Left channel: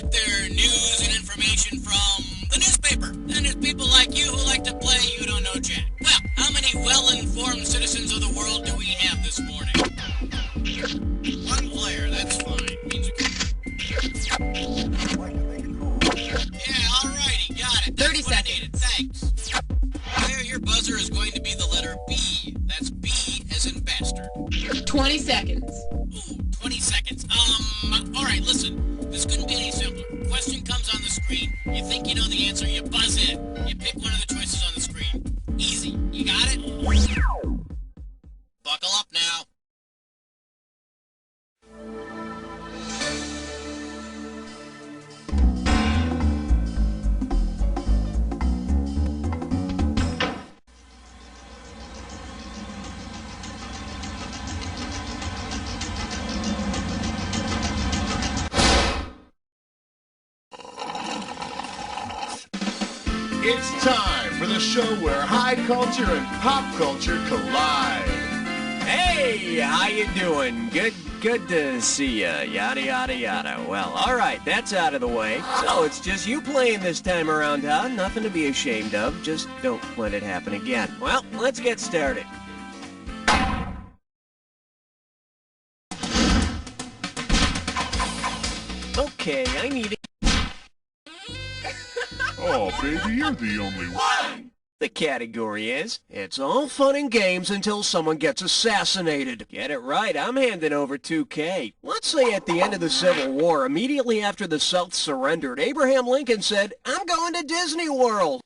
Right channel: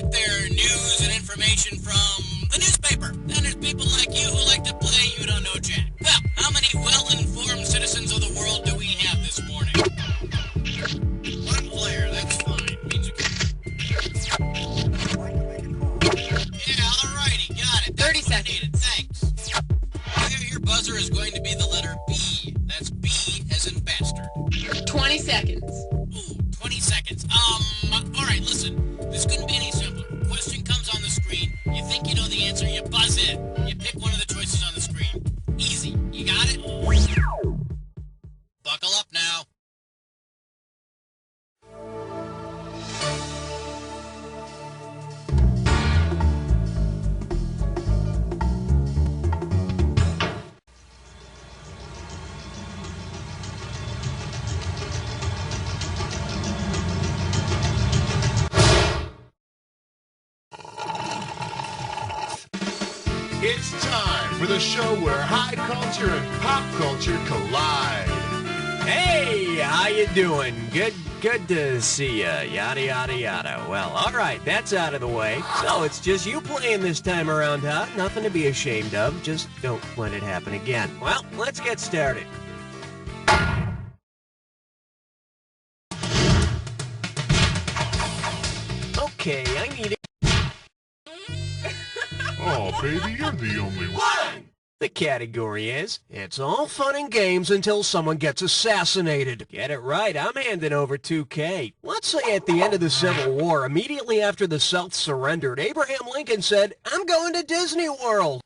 get their news and information from the newspaper. Then there's people like you who like to play you don't know jack. Well, how many well-informed citizens of the world do we have this morning? One player, that's fine. Means a Yeah, alrighty, got it. That's 30 what I seconds. needed. Thanks. Player, your buzzer is going to be the letter B. That's B as in bastard. 20 seconds. Ooh, 20 seconds. Alright, listen. This couldn't be any simpler. Question comes on the screen. You think you know the answer, you buzz in. You pick one of the choices on the screen. Easy. You got it? Buckle up now. It's time for the show where high culture and pop culture collide. Hey, how you doing? Good to see ya. Yada, yada, yada. Well, all right, that's out of the way. So it's just you playing this time around, huh? Nothing to be ashamed of. Just don't let it happen again. Well, let's get started. Okay, I need it. Oh, baby, you're the only one. The category is, it's all fun and games until someone gets assassinated. Get it right, I'm handing over 2K. Let's say at the end of the Civil War, immediately after the South surrendered, Abraham Lincoln said, "I'm going to Disney World."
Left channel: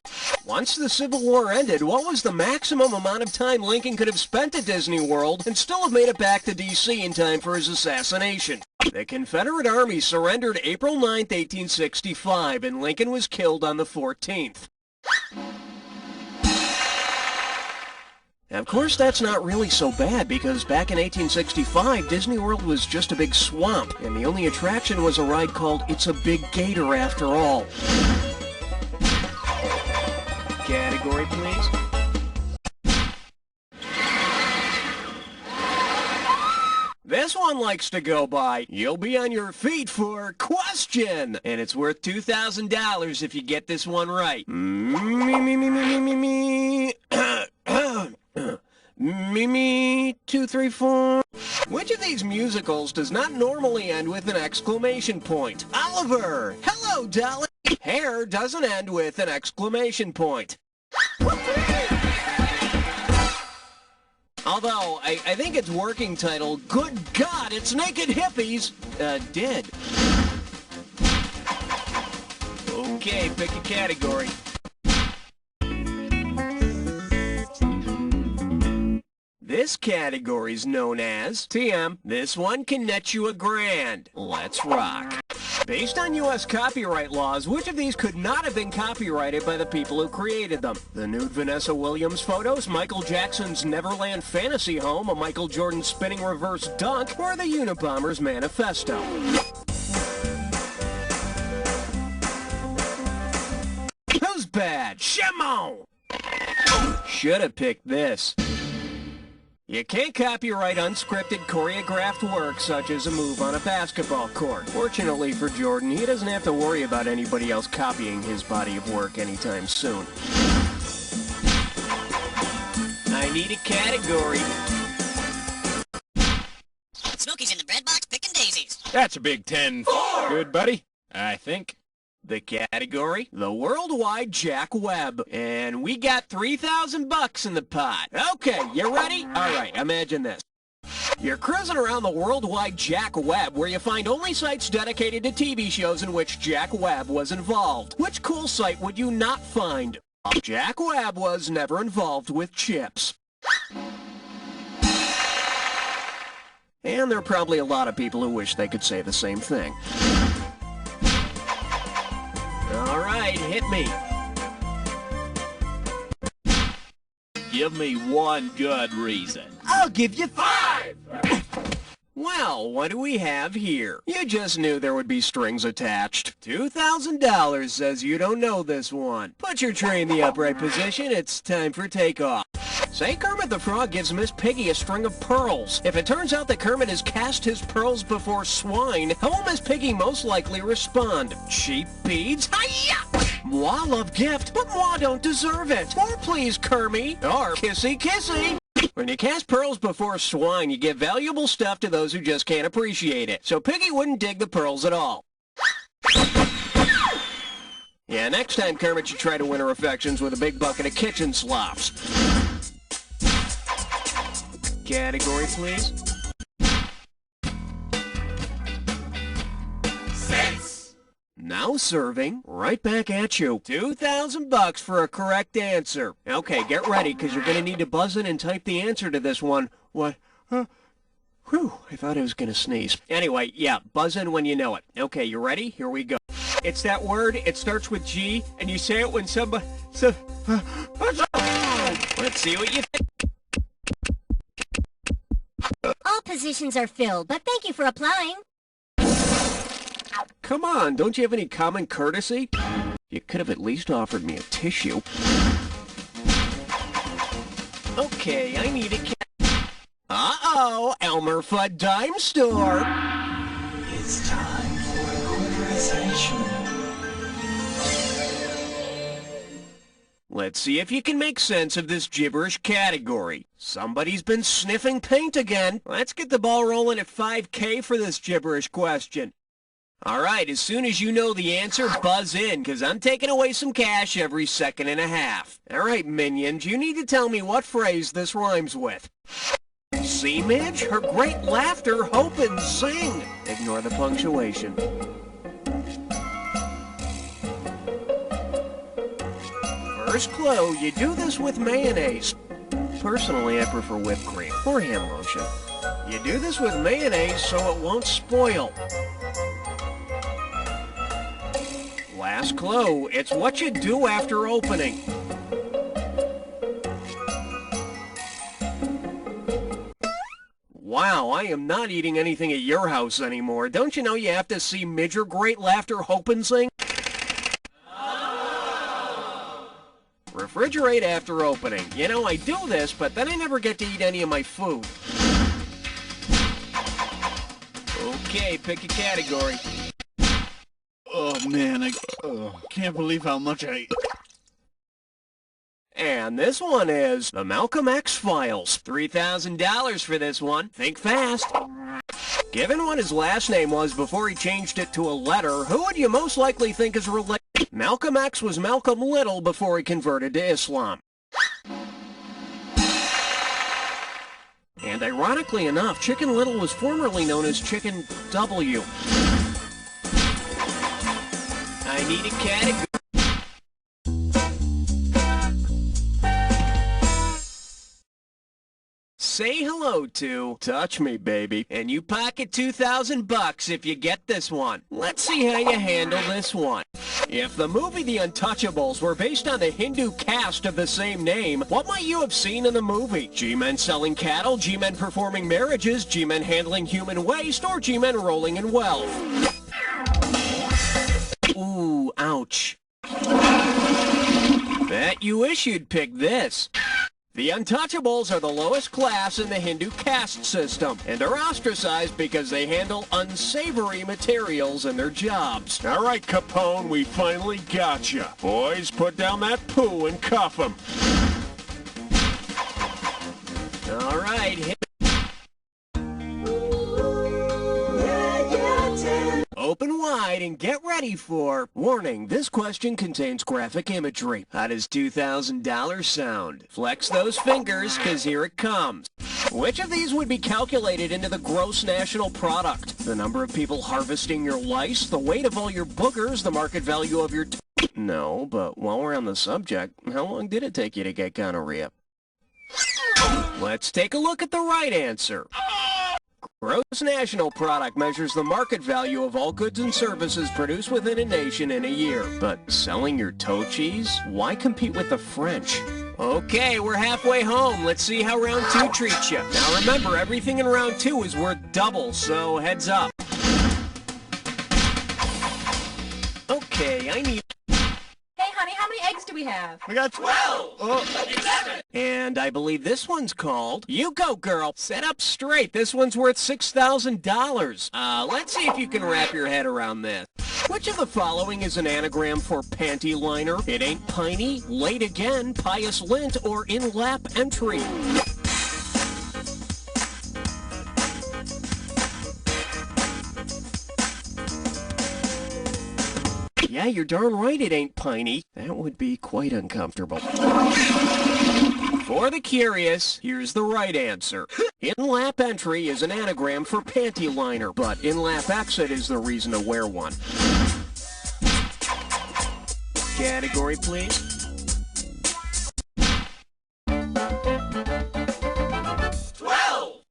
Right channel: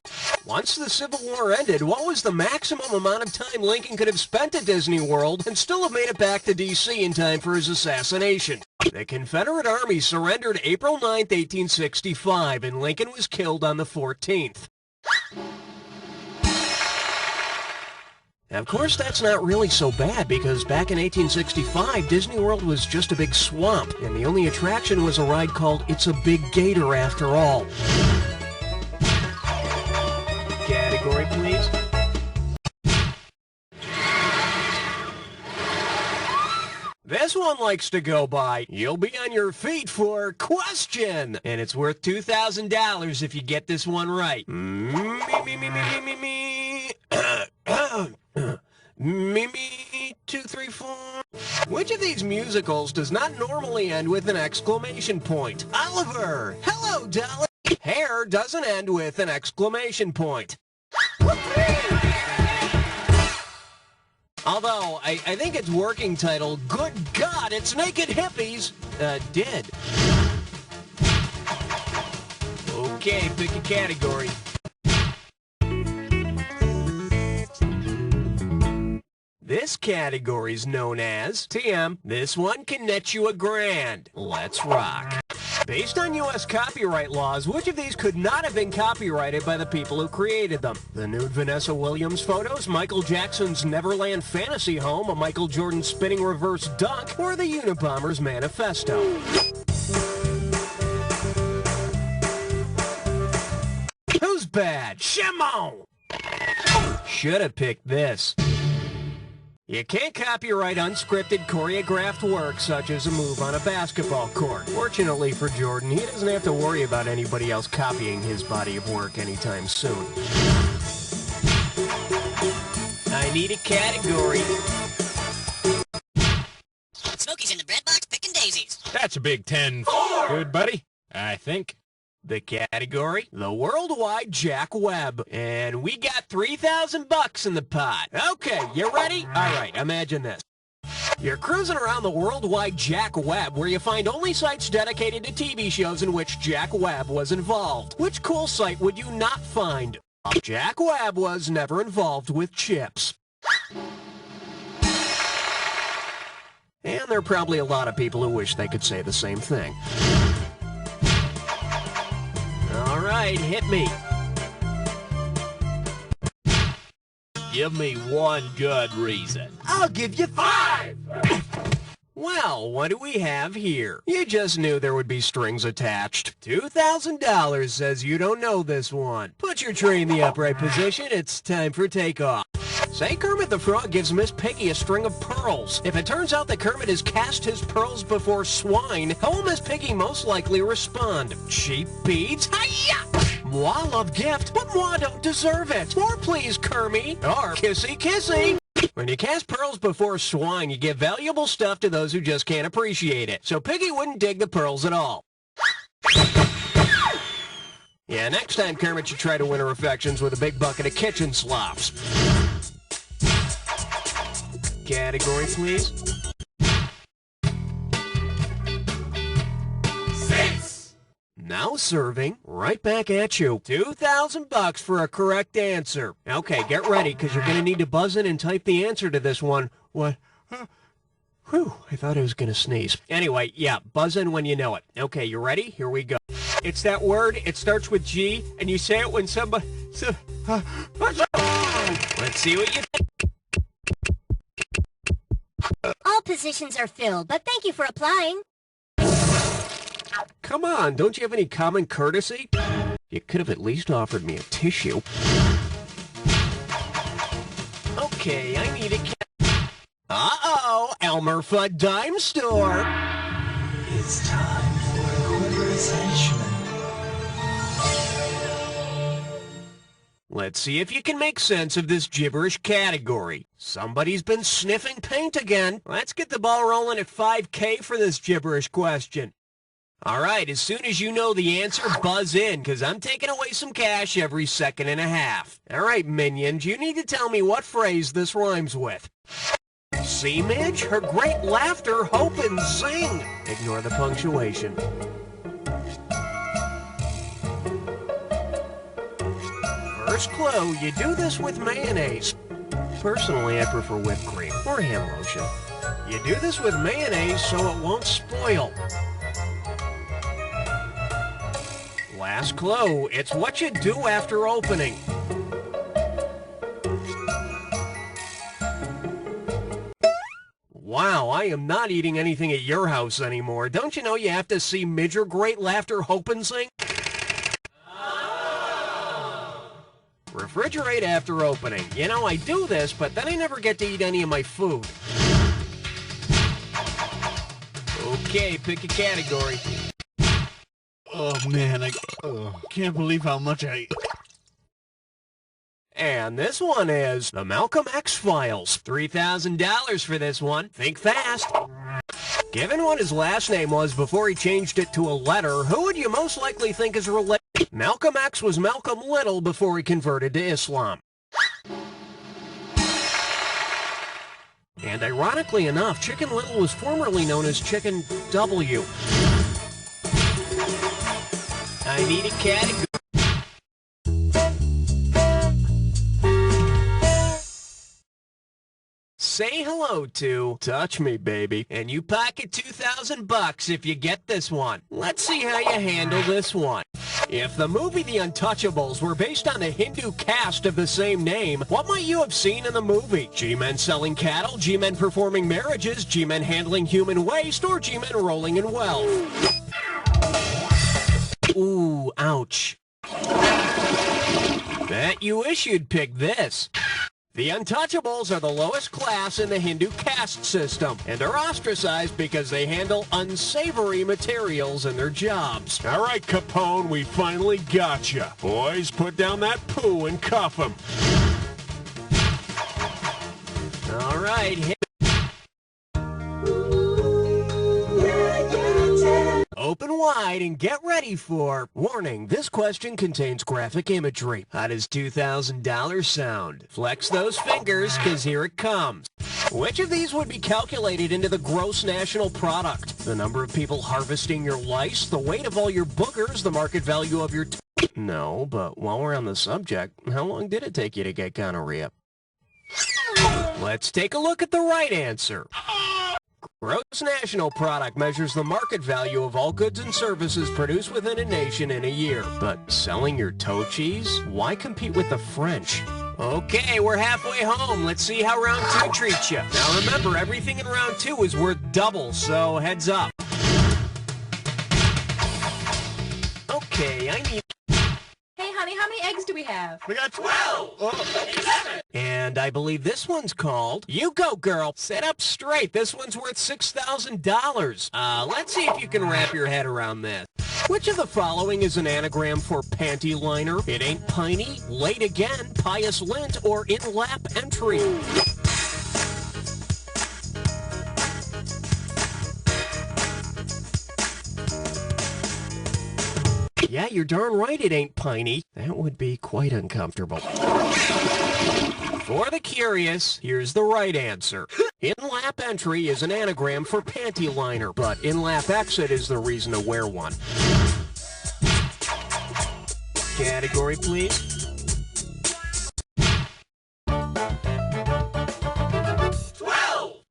Once the Civil War ended, what was the maximum amount of time Lincoln could have spent at Disney World and still have made it back to D.C. in time for his assassination? The Confederate Army surrendered April 9th, 1865, and Lincoln was killed on the 14th. Of course, that's not really so bad, because back in 1865, Disney World was just a big swamp, and the only attraction was a ride called It's a Big Gator After All. Category, please. This one likes to go by, you'll be on your feet for question, and it's worth $2,000 if you get this one right. Me, 2, 3, 4. Which of these musicals does not normally end with an exclamation point? Oliver! Hello, Dolly! Hair doesn't end with an exclamation point. Although, I think its working title, Good God, It's Naked Hippies, did. Okay, pick a category. This category's known as TM. This one can net you $1,000. Let's rock. Based on U.S. copyright laws, which of these could not have been copyrighted by the people who created them? The nude Vanessa Williams photos, Michael Jackson's Neverland fantasy home, a Michael Jordan spinning reverse dunk, or the Unabomber's manifesto? Who's bad? Shimon! Should have picked this. You can't copyright unscripted, choreographed work such as a move on a basketball court. Fortunately for Jordan, he doesn't have to worry about anybody else copying his body of work anytime soon. I need a category. Smokey's in the bread box picking daisies. That's a big 10. Good, buddy. I think. The category? The Worldwide Jack Webb. And we got $3,000 in the pot. Okay, you ready? All right, imagine this. You're cruising around the Worldwide Jack Webb, where you find only sites dedicated to TV shows in which Jack Webb was involved. Which cool site would you not find? Jack Webb was never involved with chips. And there are probably a lot of people who wish they could say the same thing. All right, hit me. Give me one good reason. I'll give you 5! Well, what do we have here? You just knew there would be strings attached. $2,000 says you don't know this one. Put your tray in the upright position. It's time for takeoff. Say Kermit the Frog gives Miss Piggy a string of pearls. If it turns out that Kermit has cast his pearls before swine, how will Miss Piggy most likely respond? Cheap beads? Hi-ya! Moi love gift, but moi don't deserve it. More please, Kermit. Or kissy kissy. When you cast pearls before swine, you give valuable stuff to those who just can't appreciate it. So Piggy wouldn't dig the pearls at all. Yeah, next time Kermit should try to win her affections with a big bucket of kitchen slops. Category, please. 6. Now serving, right back at you. $2,000 for a correct answer. Okay, get ready, because you're going to need to buzz in and type the answer to this one. What? Whew, I thought I was going to sneeze. Anyway, yeah, buzz in when you know it. Okay, you ready? Here we go. It's that word, it starts with G, and you say it when somebody... Let's see what you think. All positions are filled, but thank you for applying. Come on, don't you have any common courtesy? You could have at least offered me a tissue. Okay, I need a cat. Uh-oh, Elmer Fudd Dime Store. It's time for equalization. Let's see if you can make sense of this gibberish category. Somebody's been sniffing paint again. Let's get the ball rolling at 5K for this gibberish question. All right, as soon as you know the answer, buzz in, because I'm taking away some cash every second and a half. All right, minions, you need to tell me what phrase this rhymes with. See, Midge? Her great laughter, hope, and zing. Ignore the punctuation. First clue, you do this with mayonnaise. Personally, I prefer whipped cream or hand lotion. You do this with mayonnaise so it won't spoil. Last clue, it's what you do after opening. Wow, I am not eating anything at your house anymore. Don't you know you have to see Midge or great laughter, hope, and sing? Refrigerate after opening. You know, I do this, but then I never get to eat any of my food. Okay, pick a category. Oh, man, I can't believe how much I... And this one is the Malcolm X Files. $3,000 for this one. Think fast. Given what his last name was before he changed it to a letter, who would you most likely think is related? Malcolm X was Malcolm Little before he converted to Islam. And ironically enough, Chicken Little was formerly known as Chicken W. I need a category. Say hello to Touch Me Baby, and you pocket $2,000 if you get this one. Let's see how you handle this one. If the movie The Untouchables were based on the Hindu caste of the same name, what might you have seen in the movie? G-men selling cattle, G-men performing marriages, G-men handling human waste, or G-men rolling in wealth? Ooh, ouch. Bet you wish you'd pick this. The Untouchables are the lowest class in the Hindu caste system and are ostracized because they handle unsavory materials in their jobs. All right, Capone, we finally got you. Boys, put down that poo and cuff him. All right, hit. Open wide and get ready for... Warning, this question contains graphic imagery. How does $2,000 sound? Flex those fingers, because here it comes. Which of these would be calculated into the gross national product? The number of people harvesting your lice, the weight of all your boogers, the market value of your... No, but while we're on the subject, how long did it take you to get gonorrhea? Let's take a look at the right answer. Gross national product measures the market value of all goods and services produced within a nation in a year. But selling your toe cheese? Why compete with the French? Okay, we're halfway home. Let's see how round 2 treats you. Now remember, everything in round 2 is worth double, so heads up. Okay, I need... Hey, honey. How many eggs do we have? We got 12! Oh. And I believe this one's called... You go, girl. Sit up straight. This one's worth $6,000. Let's see if you can wrap your head around this. Which of the following is an anagram for panty liner? It ain't piney, late again, pious lint, or in-lap entry. Yeah, you're darn right it ain't piney. That would be quite uncomfortable. For the curious, here's the right answer. In-lap entry is an anagram for panty liner, but in-lap exit is the reason to wear one. Category, please.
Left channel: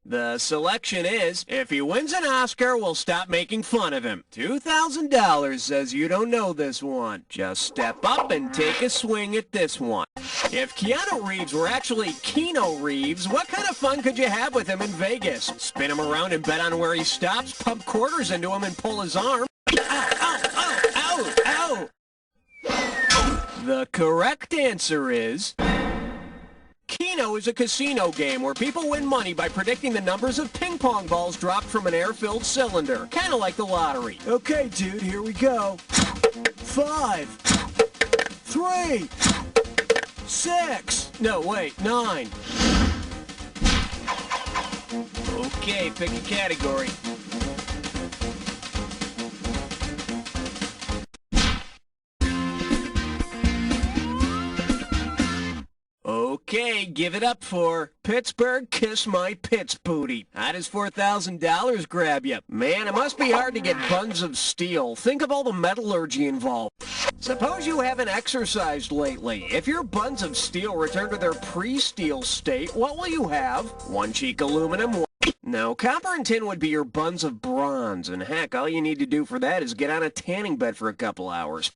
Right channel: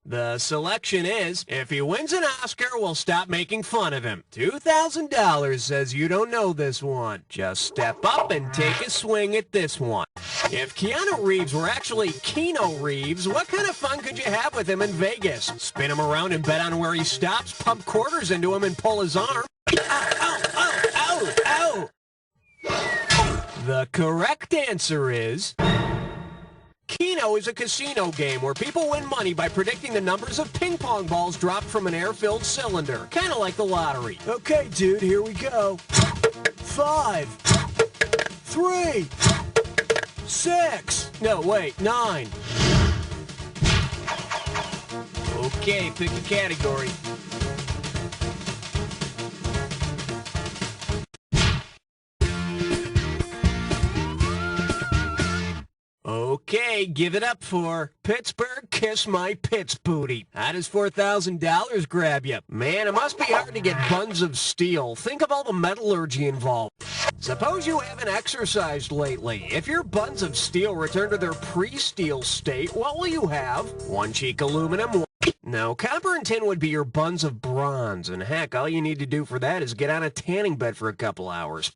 The selection is, if he wins an Oscar, we'll stop making fun of him. $2,000 says you don't know this one. Just step up and take a swing at this one. If Keanu Reeves were actually Keanu Reeves, what kind of fun could you have with him in Vegas? Spin him around and bet on where he stops, pump quarters into him and pull his arm? Ow, ow, ow, ow, ow! The correct answer is... Keno is a casino game where people win money by predicting the numbers of ping pong balls dropped from an air-filled cylinder. Kind of like the lottery. Okay, dude, here we go. 5, 3, 6. No, wait, 9. Okay, pick a category. Okay, give it up for Pittsburgh Kiss My Pits Booty. How does $4,000 grab you? Man, it must be hard to get buns of steel. Think of all the metallurgy involved. Suppose you haven't exercised lately. If your buns of steel return to their pre-steel state, what will you have? One cheek aluminum. No, copper and tin would be your buns of bronze. And heck, all you need to do for that is get on a tanning bed for a couple hours.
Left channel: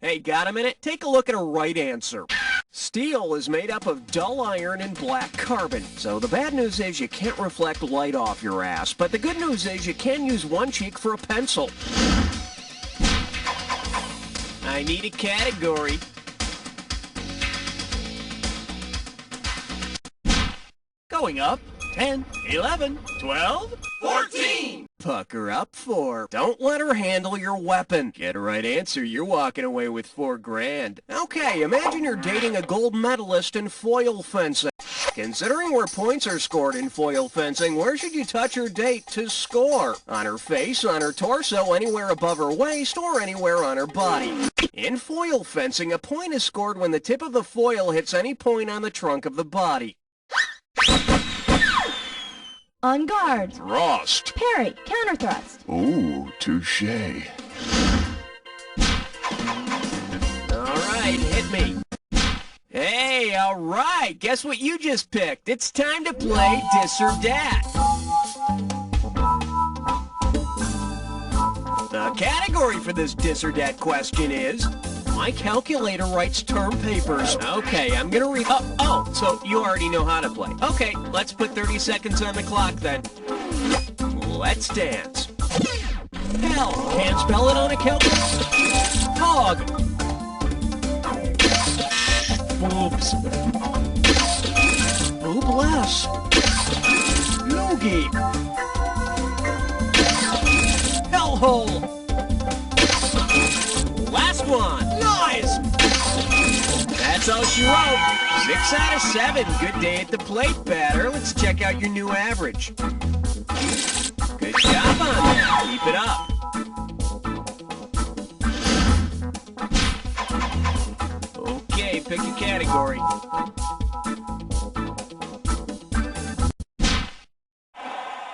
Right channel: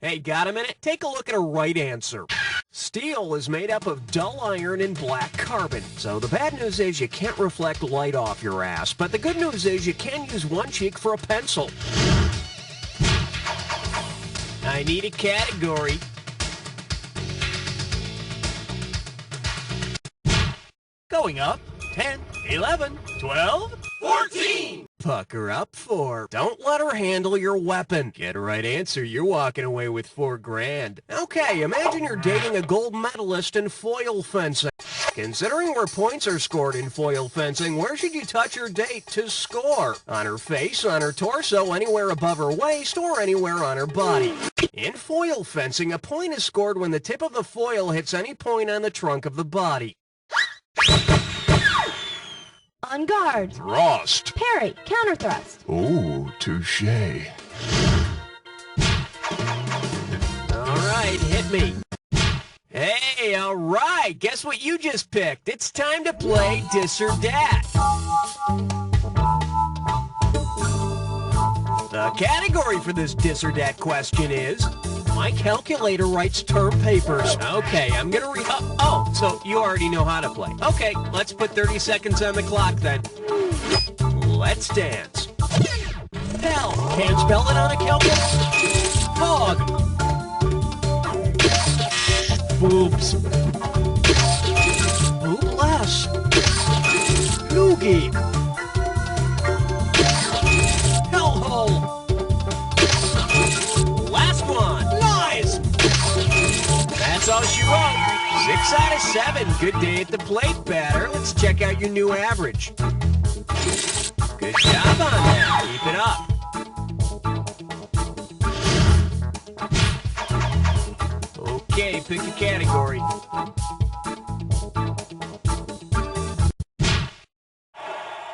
Hey, got a minute? Take a look at a right answer. Steel is made up of dull iron and black carbon. So the bad news is you can't reflect light off your ass. But the good news is you can use one cheek for a pencil. I need a category. Going up. 10, 11, 12, 14! Pucker up for. Don't let her handle your weapon. Get a right answer, you're walking away with $4,000. Okay, imagine you're dating a gold medalist in foil fencing. Considering where points are scored in foil fencing, where should you touch your date to score? On her face, on her torso, anywhere above her waist, or anywhere on her body. In foil fencing, a point is scored when the tip of the foil hits any point on the trunk of the body. On guard. Thrust. Parry. Counter thrust. Ooh, touche. All right, hit me. Hey, all right, guess what you just picked? It's time to play Dis or Dat. The category for this Dis or Dat question is... My calculator writes term papers. Okay, I'm gonna read... Oh, so you already know how to play. Okay, let's put 30 seconds on the clock then. Let's dance. Hell, can't spell it on a calculator. Hog. Boobs. Boobless. Loogie. Hellhole. Last one. Lies. That's all she wrote. 6 out of 7. Good day at the plate, batter. Let's check out your new average. Good job on that. Keep it up. Okay, pick a category.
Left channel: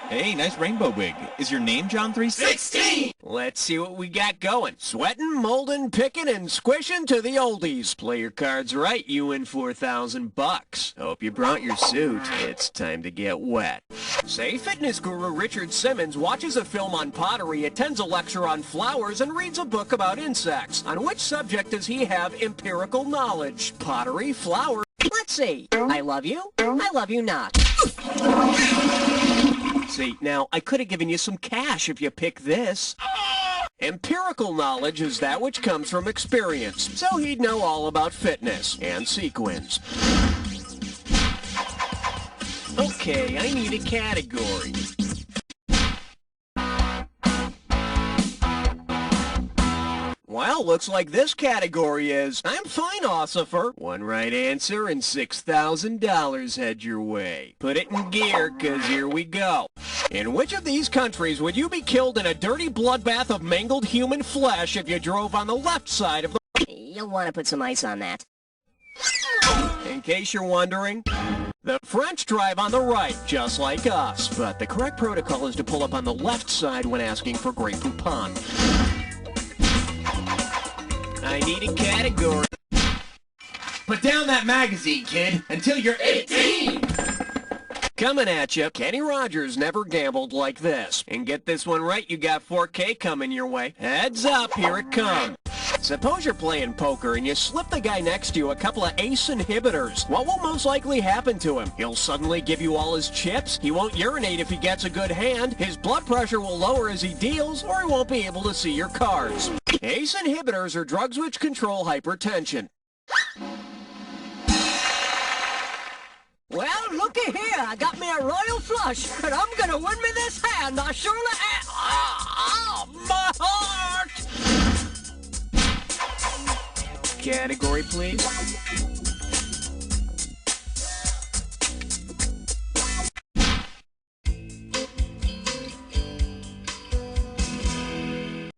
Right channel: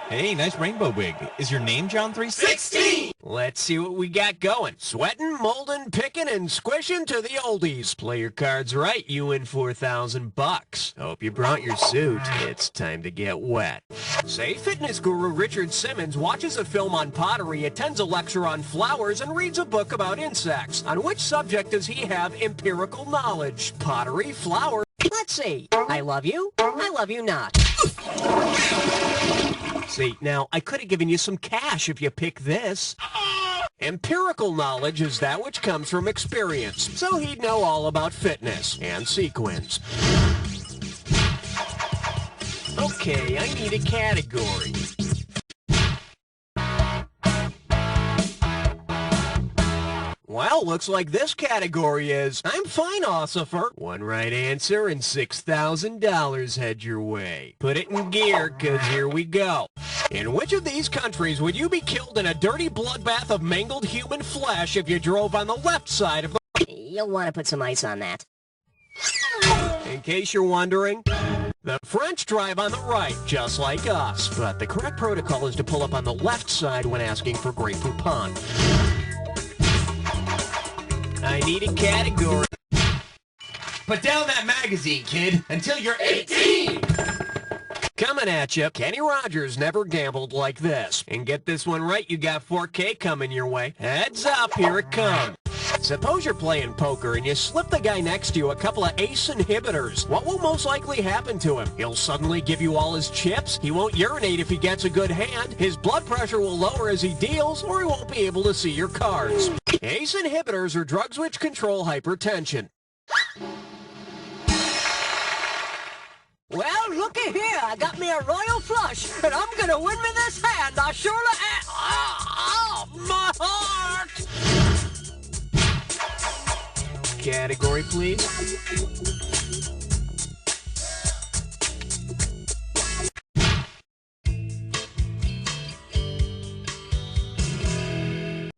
Hey, nice rainbow wig. Is your name John 316? Let's see what we got going. Sweating, molding, picking, and squishing to the oldies. Play your cards right, you win $4,000. Hope you brought your suit. It's time to get wet. Say fitness guru Richard Simmons watches a film on pottery, attends a lecture on flowers, and reads a book about insects. On which subject does he have empirical knowledge? Pottery, flower... Let's see. I love you not. See, now, I could have given you some cash if you pick this. Empirical knowledge is that which comes from experience, so he'd know all about fitness and sequins. Okay, I need a category. Well, looks like this category is, I'm fine, Ossifer. One right answer and $6,000 head your way. Put it in gear, 'cause here we go. In which of these countries would you be killed in a dirty bloodbath of mangled human flesh if you drove on the left side of the... You'll want to put some ice on that. In case you're wondering, the French drive on the right, just like us. But the correct protocol is to pull up on the left side when asking for Grey Poupon. I need a category. Put down that magazine, kid, until you're 18! Coming at you, Kenny Rogers never gambled like this. And get this one right, you got 4K coming your way. Heads up, here it comes. Suppose you're playing poker and you slip the guy next to you a couple of ace inhibitors. What will most likely happen to him? He'll suddenly give you all his chips, he won't urinate if he gets a good hand, his blood pressure will lower as he deals, or he won't be able to see your cards. Ace inhibitors are drugs which control hypertension. Well, looky here. I got me a royal flush, and I'm gonna win me this hand. I surely am. Oh, my heart! Category, please.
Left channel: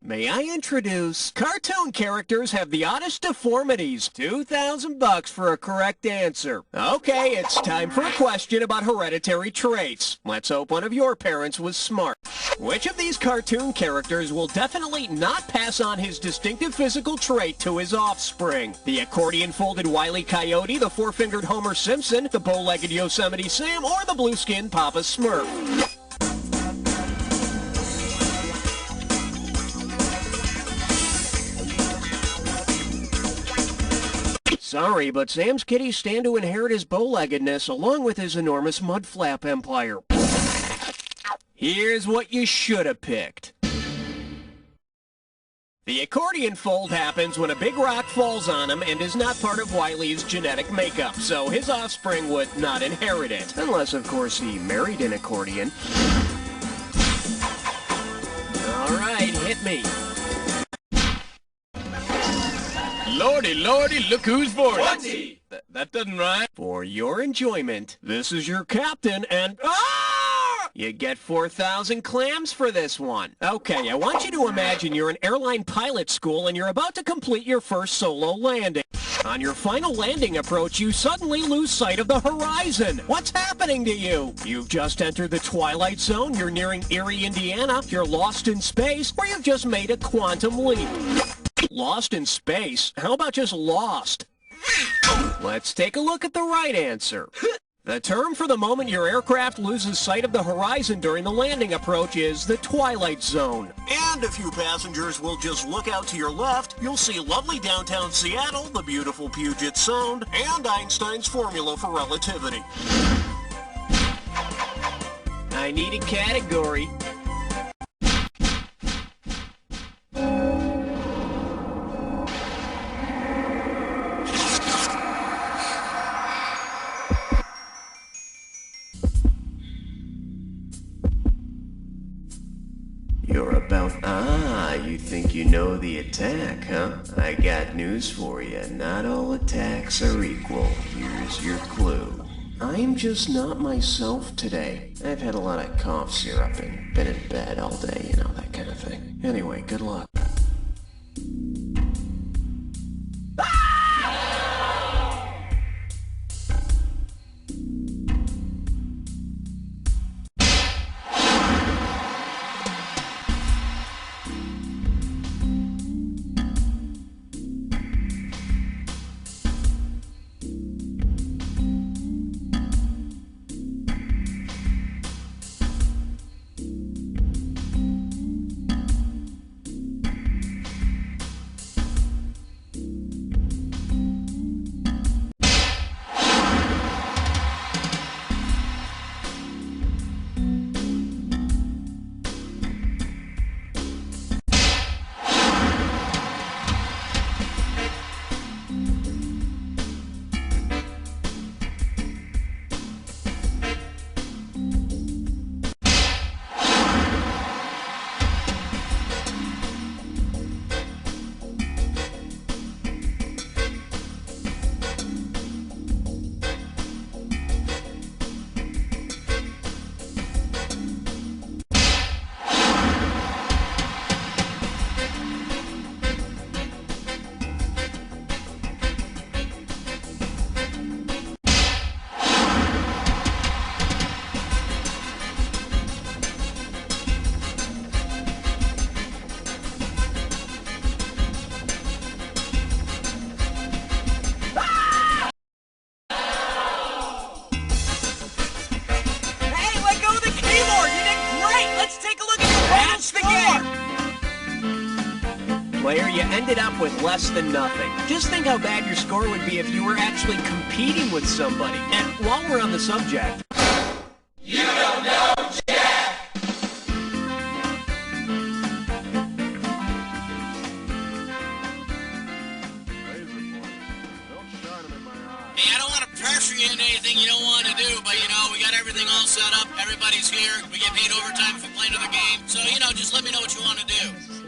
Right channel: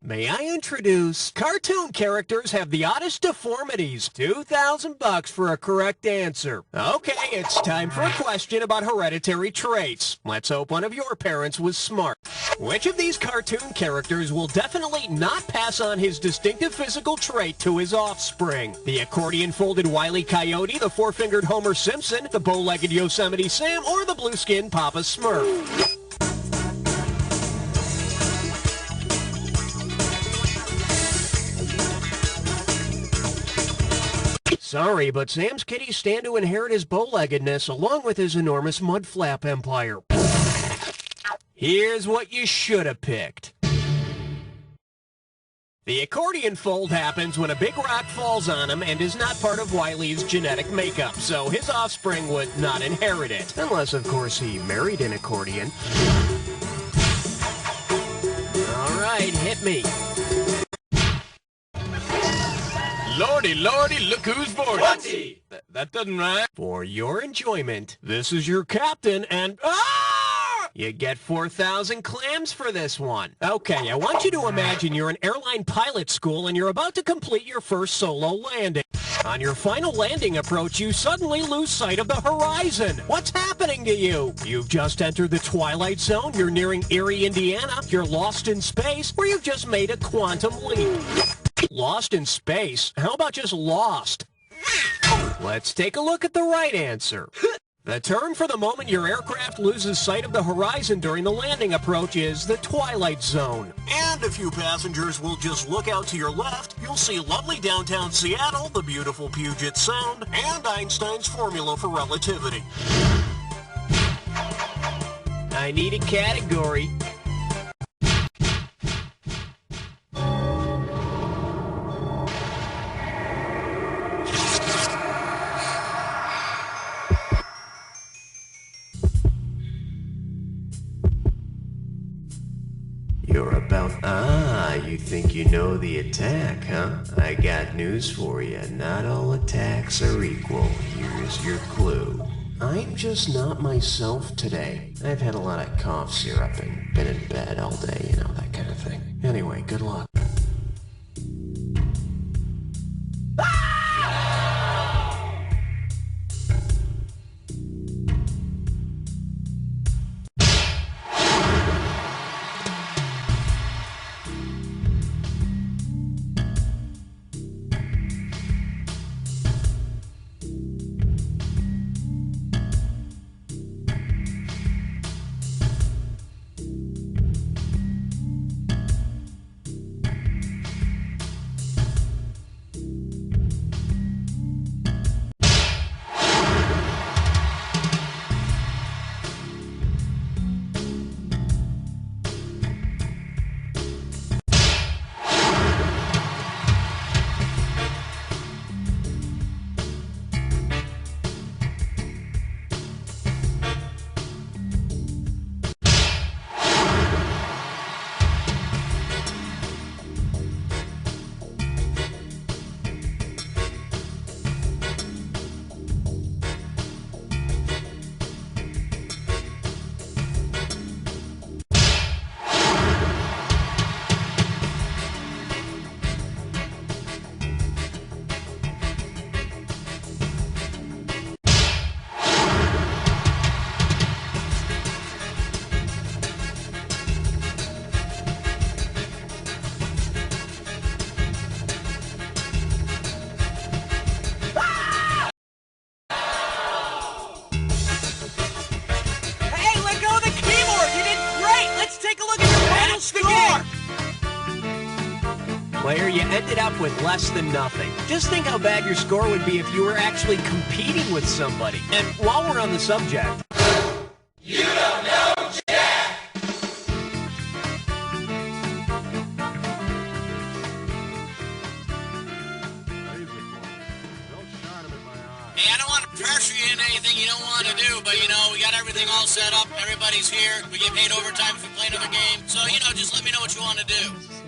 May I introduce... Cartoon characters have the oddest deformities. $2,000 for a correct answer. Okay, it's time for a question about hereditary traits. Let's hope one of your parents was smart. Which of these cartoon characters will definitely not pass on his distinctive physical trait to his offspring? The accordion-folded Wile E. Coyote, the four-fingered Homer Simpson, the bow-legged Yosemite Sam, or the blue-skinned Papa Smurf? Sorry, but Sam's kitties stand to inherit his bow-leggedness along with his enormous mud-flap empire. Here's what you should have picked. The accordion fold happens when a big rock falls on him and is not part of Wiley's genetic makeup, so his offspring would not inherit it. Unless, of course, he married an accordion. All right, hit me. Lordy, lordy, look who's 40. That doesn't rhyme. For your enjoyment, this is your captain and... Ah! You get 4,000 clams for this one. Okay, I want you to imagine you're in airline pilot school and you're about to complete your first solo landing. On your final landing approach, you suddenly lose sight of the horizon. What's happening to you? You've just entered the Twilight Zone, you're nearing Erie, Indiana, you're lost in space, or you've just made a quantum leap. Lost in space? How about just lost? Let's take a look at the right answer. The term for the moment your aircraft loses sight of the horizon during the landing approach is the Twilight Zone. And if you passengers will just look out to your left, you'll see lovely downtown Seattle, the beautiful Puget Sound, and Einstein's formula for relativity. I need a category. You're about... Ah, you think you know the attack, huh? I got news for you. Not all attacks are equal. Here's your clue. I'm just not myself today. I've had a lot of cough syrup and been in bed all day, you know, that kind of thing. Anyway, good luck. Let's take a look at your total score. Player, you ended up with less than nothing. Just think how bad your score would be if you were actually competing with somebody. And while we're on the subject... You don't know Jack! Hey, I don't want to pressure you into anything you don't want to do, but, you know, we got everything all set up. Everybody's here. We get paid overtime if we play another game. So, you know, just let me know what you want to do.